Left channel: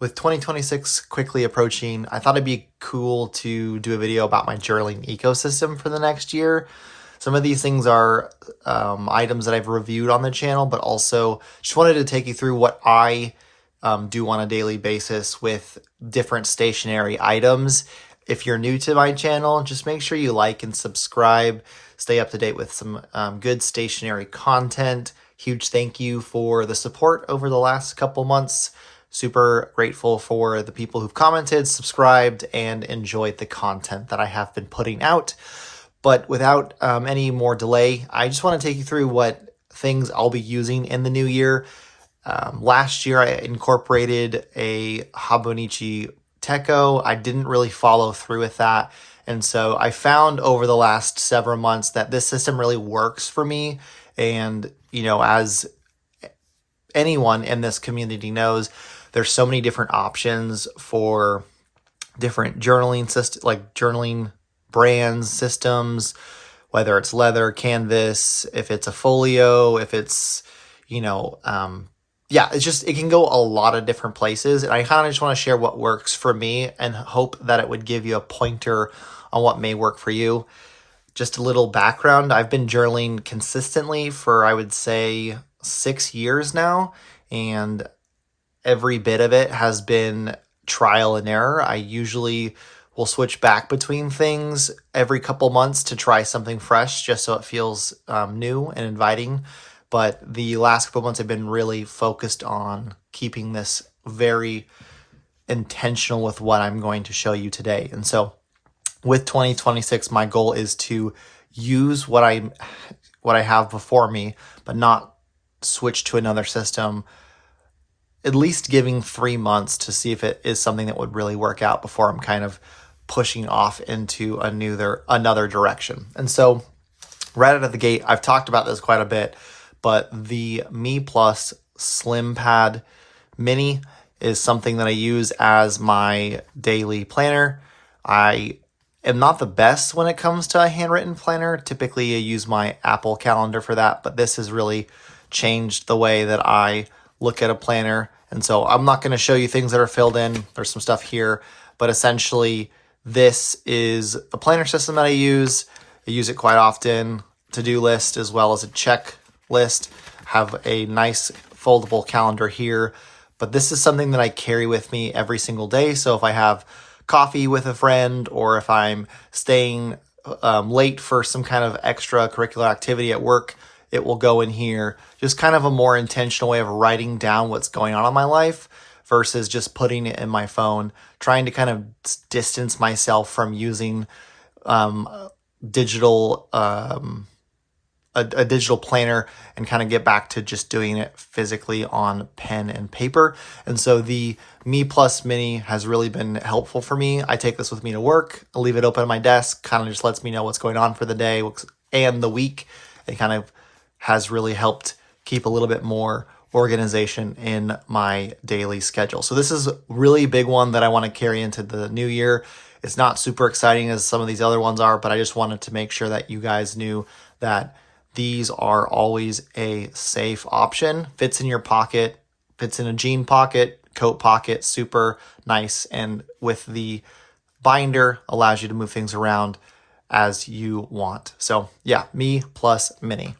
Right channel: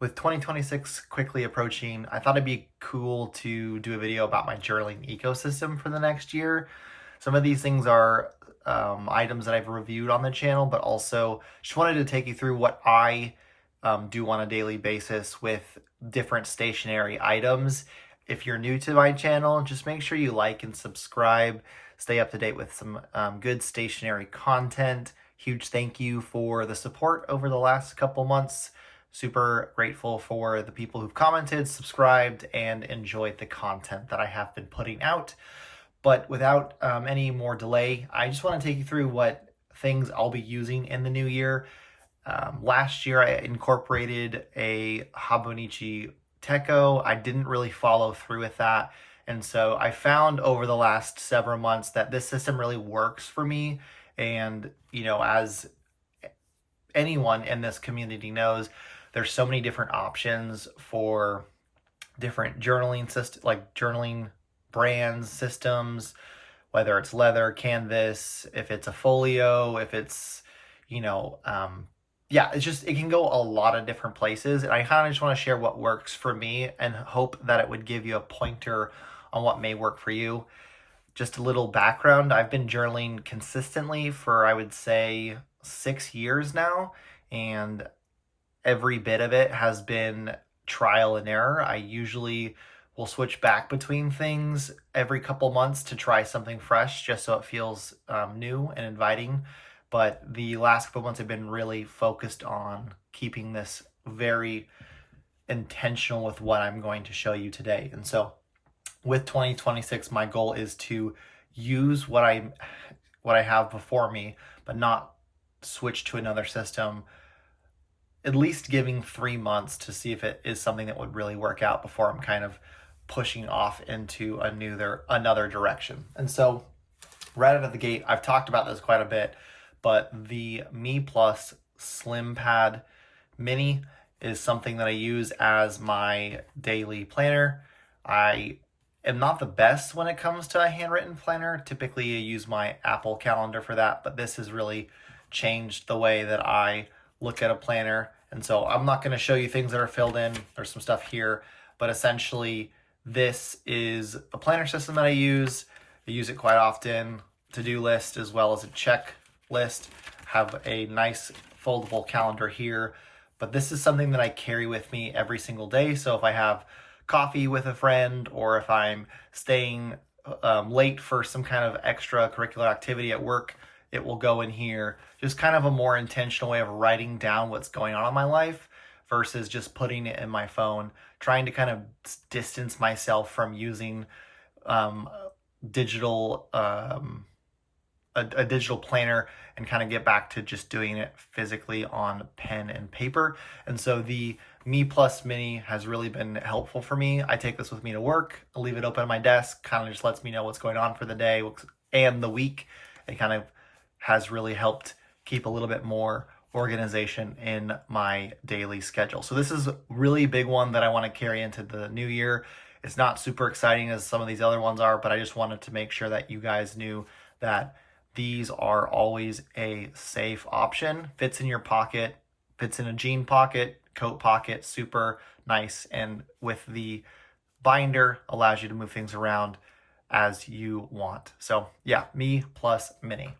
With 2026 quickly approaching, I thought it'd be cool to do a video about my journaling ecosystem for the next year. Some of these things are items that I've reviewed on the channel, but also just wanted to take you through what I do on a daily basis with different stationery items. If you're new to my channel, just make sure you like and subscribe. Stay up to date with some good stationery content. Huge thank you for the support over the last couple months. Super grateful for the people who've commented, subscribed, and enjoyed the content that I have been putting out. But without any more delay, I just want to take you through what things I'll be using in the new year. Last year, I incorporated a Hobonichi Teco. I didn't really follow through with that. And so I found over the last several months that this system really works for me. And, you know, as anyone in this community knows, there's so many different options for different journaling systems, like journaling brands, systems, whether it's leather, canvas, if it's a folio, if it's, it can go a lot of different places. And I kind of just want to share what works for me and hope that it would give you a pointer on what may work for you. Just a little background. I've been journaling consistently for, I would say, 6 years now. And every bit of it has been trial and error. I usually will switch back between things every couple months to try something fresh just so it feels new and inviting. But the last couple months I've been really focused on keeping this very intentional with what I'm going to show you today. And so with 2026, my goal is to use what I have before me, but not switch to another system, at least giving 3 months to see if it is something that would really work out before I'm kind of pushing off into another direction. And so right out of the gate, I've talked about this quite a bit, but the Me Plus Slim Pad Mini is something that I use as my daily planner. I am not the best when it comes to a handwritten planner. Typically, I use my Apple calendar for that, but this has really changed the way that I look at a planner. And so I'm not going to show you things that are filled in. There's some stuff here, but essentially this is a planner system that I use. I use it quite often, to-do list as well as a checklist. Have a nice foldable calendar here, but this is something that I carry with me every single day. So if I have coffee with a friend, or if I'm staying late for some kind of extracurricular activity at work, it will go in here. Just kind of a more intentional way of writing down what's going on in my life versus just putting it in my phone, trying to kind of distance myself from using digital a digital planner and kind of get back to just doing it physically on pen and paper. And so the Me Plus Mini has really been helpful for me. I take this with me to work. I leave it open on my desk, kind of just lets me know what's going on for the day and the week. It kind of has really helped keep a little bit more organization in my daily schedule. So this is a really big one that I want to carry into the new year. It's not super exciting as some of these other ones are, but I just wanted to make sure that you guys knew that these are always a safe option. Fits in your pocket, fits in a jean pocket, coat pocket, super nice. And with the binder, allows you to move things around as you want. So yeah, Me Plus Mini.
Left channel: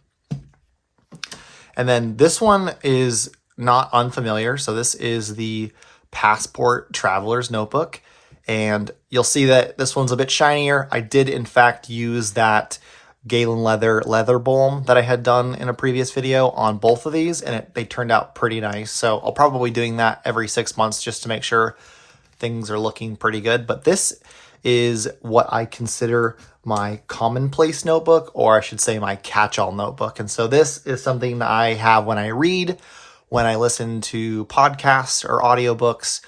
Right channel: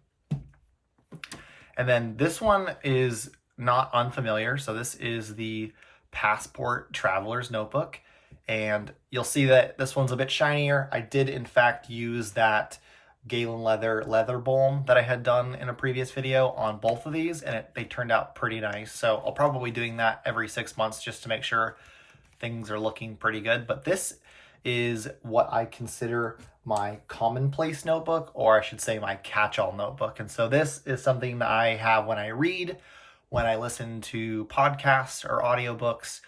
And then this one is not unfamiliar. So this is the Passport Traveler's Notebook. And you'll see that this one's a bit shinier. I did, in fact, use that Galen leather balm that I had done in a previous video on both of these, and they turned out pretty nice. So I'll probably be doing that every 6 months just to make sure things are looking pretty good. But this is what I consider my Commonplace notebook, or I should say my catch-all notebook. And so this is something that I have when I read, when I listen to podcasts or audiobooks,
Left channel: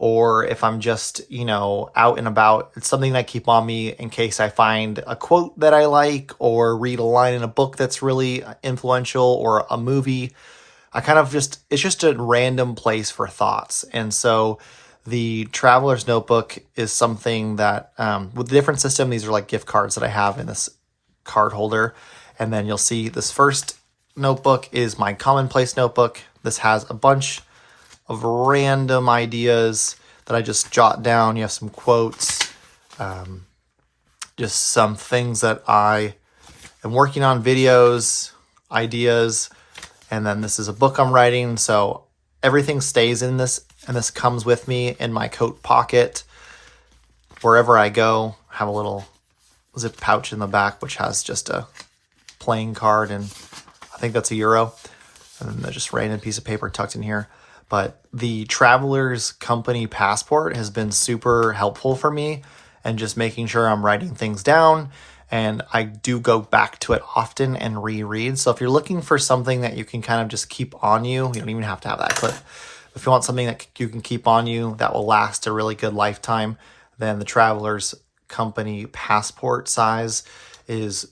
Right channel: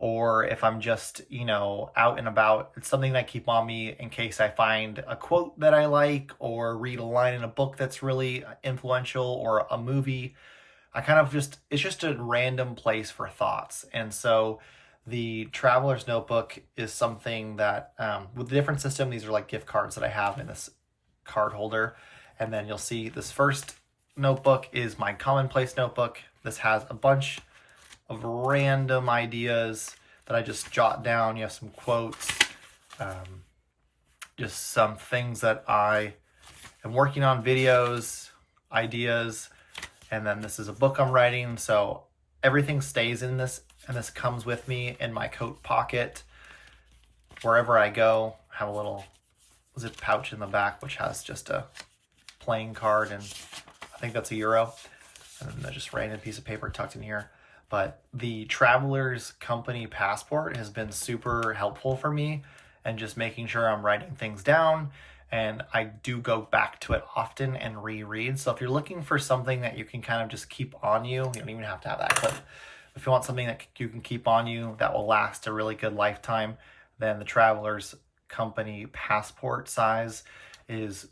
or if I'm just, out and about. It's something that I keep on me in case I find a quote that I like, or read a line in a book that's really influential, or a movie. It's just a random place for thoughts. And so the Traveler's Notebook is something that, with the different system, these are like gift cards that I have in this card holder. And then you'll see this first notebook is my Commonplace notebook. This has a bunch of random ideas that I just jot down. You have some quotes, just some things that I am working on, videos, ideas, and then this is a book I'm writing, so everything stays in this, and this comes with me in my coat pocket. Wherever I go, I have a little zip pouch in the back, which has just a playing card, and I think that's €1. And then there's just random piece of paper tucked in here. But the Traveler's Company passport has been super helpful for me, and just making sure I'm writing things down. And I do go back to it often and reread. So if you're looking for something that you can kind of just keep on you, you don't even have to have that clip. If you want something that you can keep on you that will last a really good lifetime, then the Traveler's Company passport size is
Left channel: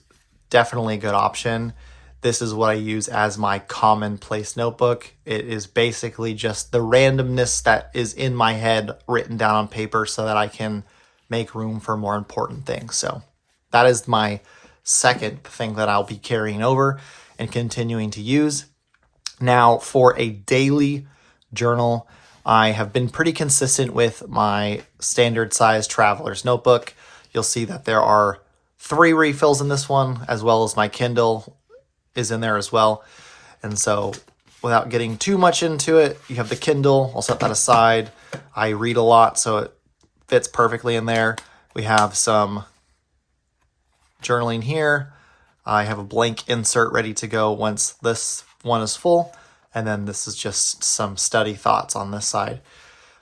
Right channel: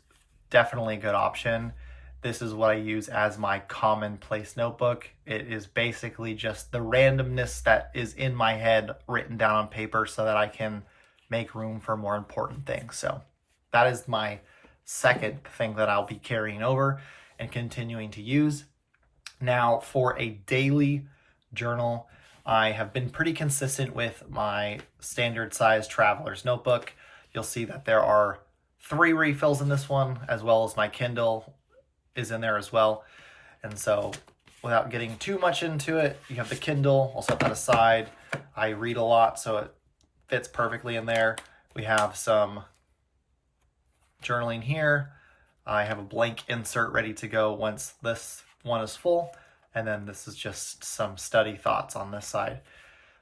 definitely a good option. This is what I use as my Commonplace notebook. It is basically just the randomness that is in my head written down on paper so that I can make room for more important things. So that is my second thing that I'll be carrying over and continuing to use. Now, for a daily journal, I have been pretty consistent with my standard size traveler's notebook. You'll see that there are 3 refills in this one, as well as my Kindle is in there as well. And so without getting too much into it, you have the Kindle. I'll set that aside. I read a lot, so it fits perfectly in there. We have some journaling here. I have a blank insert ready to go once this one is full. And then this is just some study thoughts on this side.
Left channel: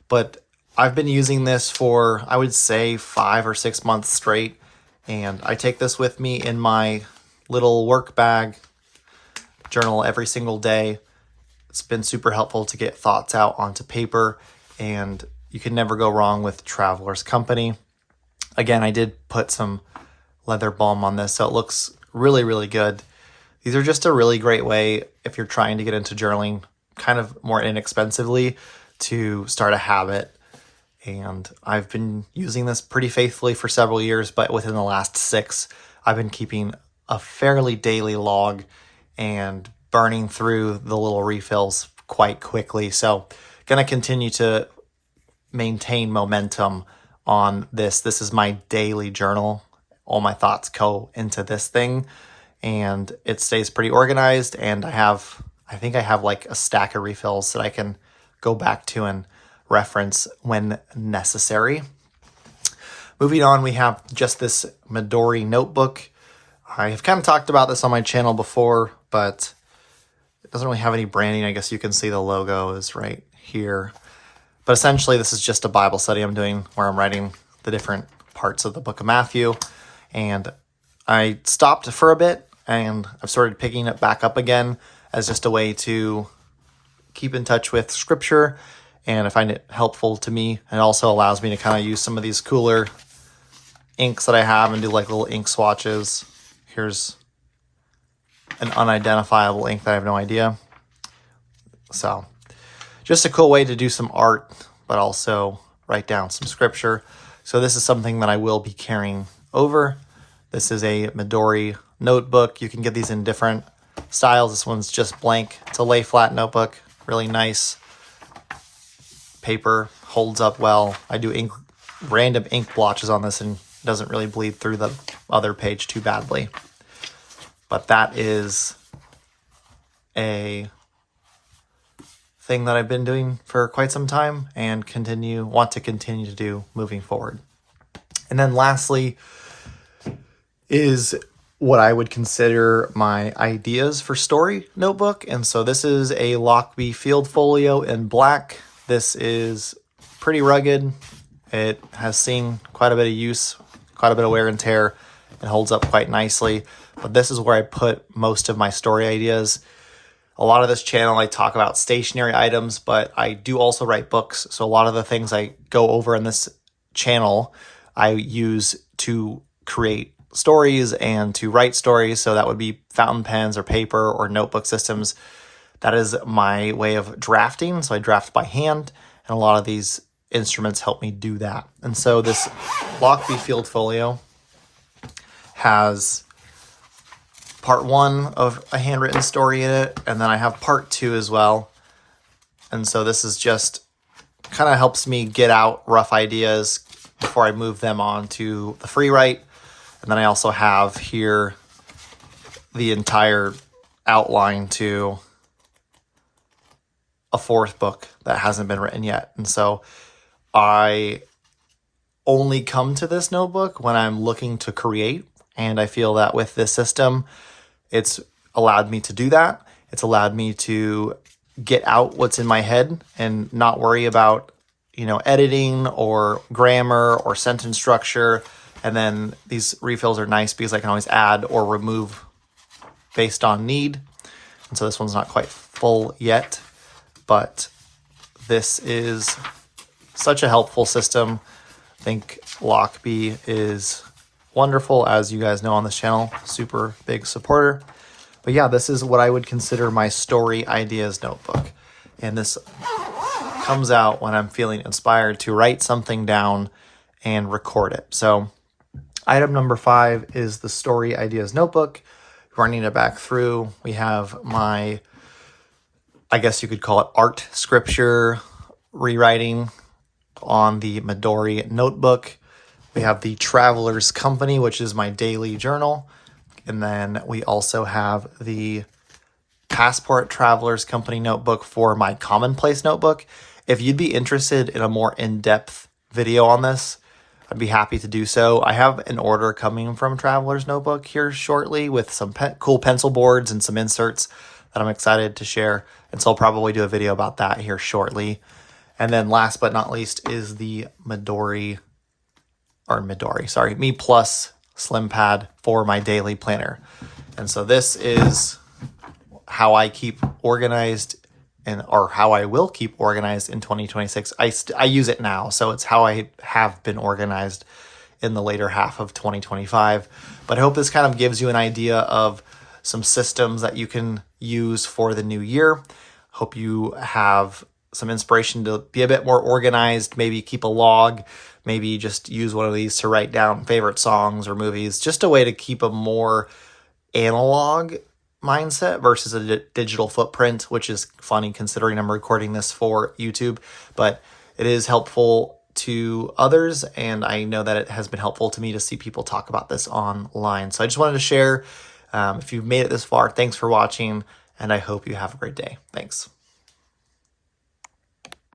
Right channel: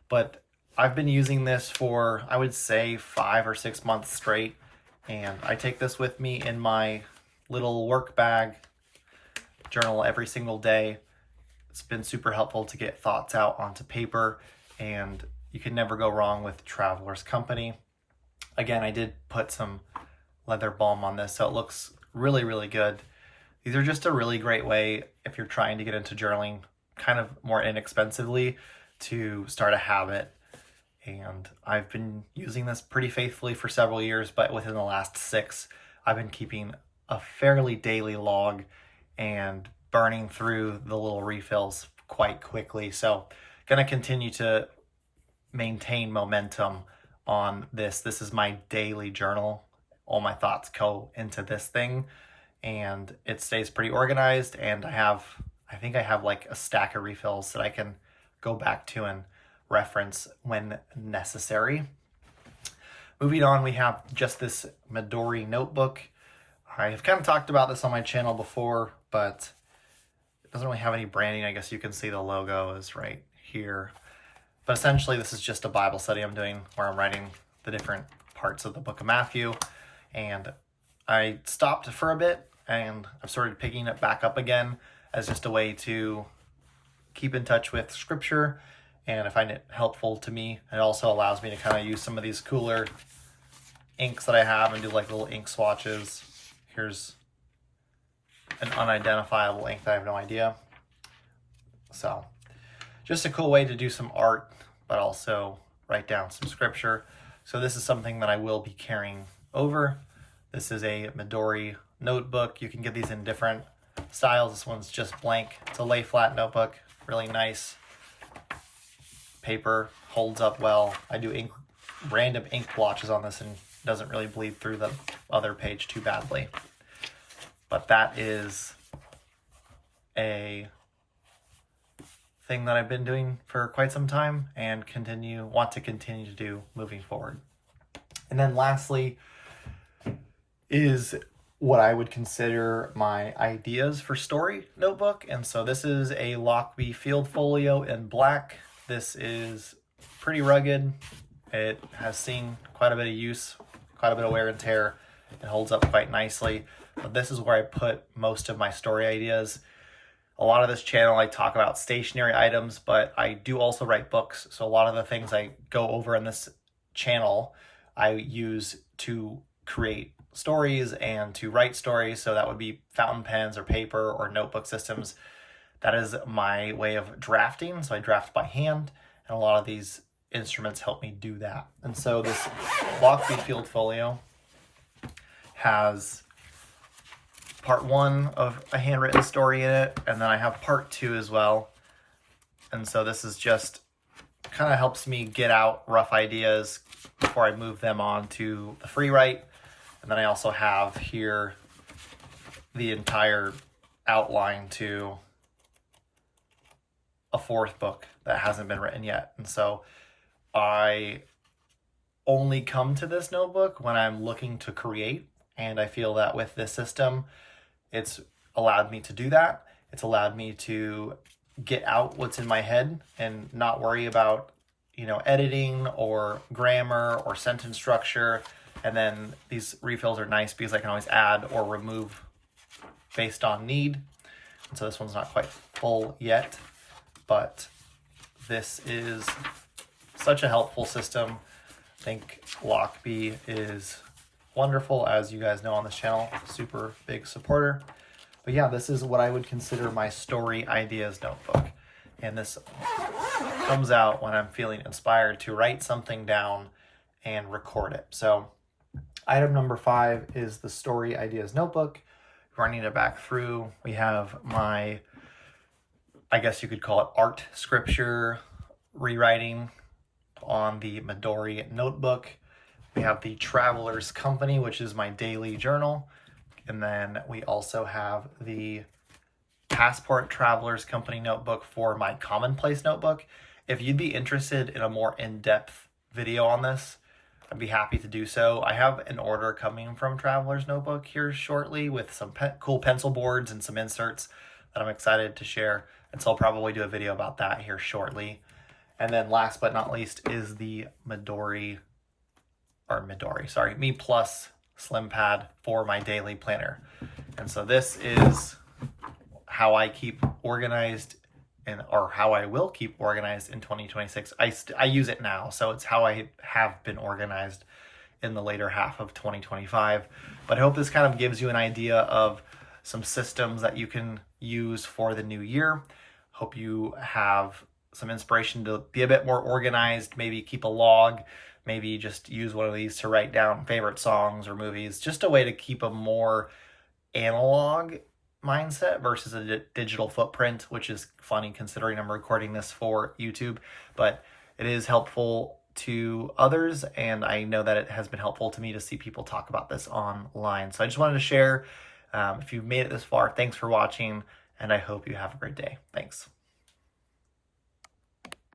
But I've been using this for, I would say, 5 or 6 months straight. And I take this with me in my little work bag, journal every single day. It's been super helpful to get thoughts out onto paper, and you can never go wrong with Traveler's Company. Again, I did put some leather balm on this, so it looks really, really good. These are just a really great way if you're trying to get into journaling kind of more inexpensively to start a habit. And I've been using this pretty faithfully for several years, but within the last 6, I've been keeping a fairly daily log and burning through the little refills quite quickly. So going to continue to maintain momentum on this. This is my daily journal. All my thoughts go into this thing, and it stays pretty organized. And I think I have like a stack of refills that I can go back to and reference when necessary. Moving on, we have just this Midori notebook. I have kind of talked about this on my channel before, but it doesn't really have any branding. I guess you can see the logo is right here. But essentially, this is just a Bible study I'm doing where I'm writing the different parts of the book of Matthew. And I stopped for a bit, and I've started picking it back up again as just a way to keep in touch with scripture. And I find it helpful to me. It also allows me to kind of use some of these cooler inks that I have and do like little ink swatches. Here's an unidentifiable ink that I have no idea. So just a cool way to do some art, but also write down some scripture. So this is something that I will be carrying over. This is a Midori notebook. You can get these in different styles. This one's just blank. It's a lay flat notebook, really nice. Paper holds up well. I do random ink blotches on this, and it doesn't really bleed through the other page too badly. But that is a thing that I've been doing for quite some time and want to continue to do moving forward. And then lastly is what I would consider my ideas for story notebook. And so this is a Lockby Field Folio in black. This is pretty rugged. It has seen quite a bit of use, quite a bit of wear and tear. It holds up quite nicely. But this is where I put most of my story ideas. A lot of this channel, I talk about stationary items, but I do also write books. So a lot of the things I go over in this channel, I use to create stories and to write stories. So that would be fountain pens or paper or notebook systems. That is my way of drafting. So I draft by hand, and a lot of these instruments help me do that. And so this Lockby Field Folio has part 1 of a handwritten story in it, and then I have part 2 as well. And so this is just kind of helps me get out rough ideas before I move them on to the free write. And then I also have here the entire outline to a fourth book that hasn't been written yet. And so I only come to this notebook when I'm looking to create. And I feel that with this system, it's allowed me to do that. It's allowed me to get out what's in my head and not worry about, editing or grammar or sentence structure. And then these refills are nice because I can always add or remove based on need. And so this one's not quite full yet, but this is such a helpful system. I think Lockbee is wonderful, as you guys know on this channel, super big supporter. But yeah, this is what I would consider my story ideas notebook. And this comes out when I'm feeling inspired to write something down and record it. So item number 5 is the story ideas notebook. Running it back through, we have my, I guess you could call it art scripture rewriting on the Midori notebook. We have the Traveler's Company, which is my daily journal. And then we also have the Passport Traveler's Company notebook for my Commonplace notebook. If you'd be interested in a more in-depth video on this, I'd be happy to do so. I have an order coming from Traveler's Notebook here shortly with some cool pencil boards and some inserts that I'm excited to share. And so I'll probably do a video about that here shortly. And then last but not least is the Me Plus Slim Pad for my daily planner. And so this is how I keep organized or how I will keep organized in 2026. I use it now, so it's how I have been organized in the later half of 2025. But I hope this kind of gives you an idea of some systems that you can use for the new year. Hope you have some inspiration to be a bit more organized, maybe keep a log, maybe just use one of these to write down favorite songs or movies, just a way to keep a more analog mindset versus a digital footprint, which is funny considering I'm recording this for YouTube, but it is helpful to others, and I know that it has been helpful to me to see people talk about this online. So I just wanted to share. If you've made it this far, thanks for watching, and I hope you have a great day. Thanks.